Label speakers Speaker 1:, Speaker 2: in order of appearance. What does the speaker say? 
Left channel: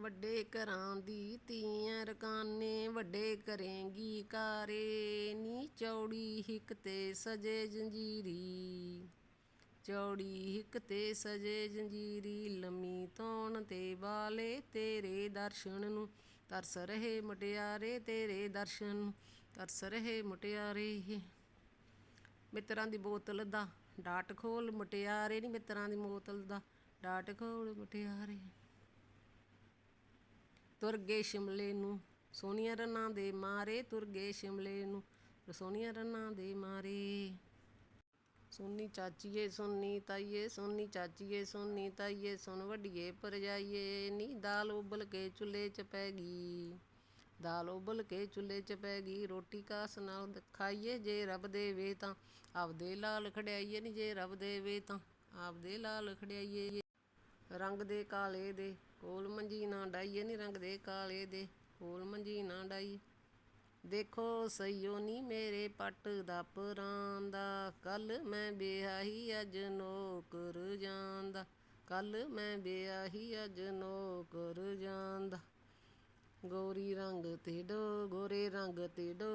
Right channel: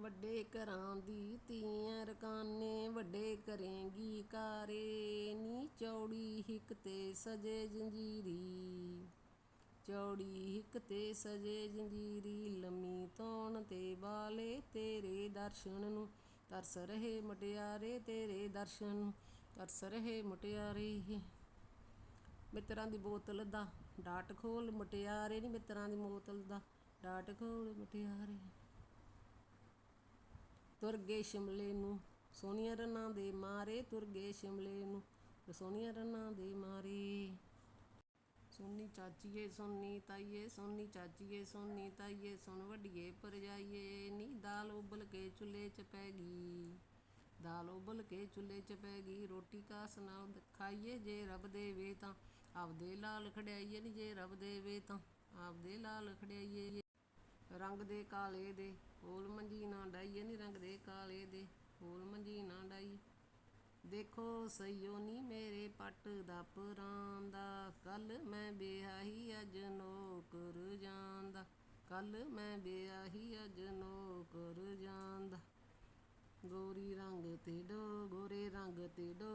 Speaker 1: ਵੱਡੇ ਘਰਾਂ ਦੀ ਧੀਆਂ ਰਕਾਨੇ ਵੱਡੇ ਕਰੇਂਗੀ ਕਾਰੇ, ਨੀ ਚੌੜੀ ਹਿੱਕ ਤੇ ਸਜੇ ਜੰਜੀਰੀ। ਚੌੜੀ ਹਿੱਕ ਤੇ ਸਜੇ ਜੰਜੀਰੀ, ਲੰਮੀ ਤੌਣ ਤੇ ਵਾਲੇ ਤੇਰੇ ਦਰਸ਼ਨ ਨੂੰ। ਤਰਸ ਰਹੇ ਮੁਟਿਆਰੇ, ਤੇਰੇ ਦਰਸ਼ਨ ਨੂੰ ਤਰਸ ਰਹੇ ਮੁਟਿਆਰੇ। ਮਿੱਤਰਾਂ ਦੀ ਬੋਤਲ ਦਾ ਡਾਟ ਖੋਲ ਮੁਟਿਆਰੇ, ਨੀ ਮਿੱਤਰਾਂ ਦੀ ਬੋਤਲ ਦਾ ਡਾਟ ਖੋਲ ਮੁਟਿਆਰੇ। ਤੁਰ ਗਏ ਸ਼ਿਮਲੇ ਨੂੰ, ਸੋਹਣੀਆਂ ਰਨਾਂ ਦੇ ਮਾਰੇ ਤੁਰ ਗਏ ਸ਼ਿਮਲੇ ਨੂੰ ਸੋਹਣੀਆਂ ਰਨਾਂ ਦੇ ਮਾਰੇ। ਸੋਨੀ ਚਾਚੀਏ ਸੋਨੀ ਤਾਈਏ ਸੋਨੀ ਚਾਚੀਏ ਸੋਨੀ ਤਾਈਏ, ਸੁਣ ਵੱਡੀਏ ਪਰਜਾਈਏ ਨੀ ਦਾਲ ਉਬਲ ਕੇ ਚੁੱਲ੍ਹੇ 'ਚ ਪੈ ਗਈ। ਦਾਲ ਉਬਲ ਕੇ ਚੁੱਲ੍ਹੇ 'ਚ ਪੈ ਗਈ, ਰੋਟੀ ਕਾਸ ਨਾਲ ਖਾਈਏ ਜੇ ਰੱਬ ਦੇਵੇ ਤਾਂ, ਆਪਦੇ ਲਾਲ ਖੜਿਆਈਏ ਨੀ ਜੇ ਰੱਬ ਦੇਵੇ ਤਾਂ, ਆਪਦੇ ਲਾਲ ਖੜਿਆਈਏ ਰੰਗ ਦੇ ਕਾਲੇ ਦੇ ਕੋਲ ਮੰਜੀ ਨਾ ਡਾਈਏ ਨੀ ਰੰਗ ਦੇ ਕਾਲੇ ਦੇ ਕੋਲ ਮੰਜੀ ਨਾ ਡਾਈ। ਦੇਖੋ ਸਈਓ ਨੀ ਮੇਰੇ ਪੱਟ ਦਾ ਪਰਾਂਦਾ ਕੱਲ ਮੈਂ ਵਿਆਹੀ ਅੱਜ ਨੌਕਰ ਜਾਂਦਾ ਕੱਲ ਮੈਂ ਵਿਆਹੀ ਅੱਜ ਨੌਕਰ ਜਾਂਦਾ ਗੋਰੀ ਰੰਗ ਤੇ ਡੋ, ਗੋਰੇ ਰੰਗ ਤੇ ਡੋ।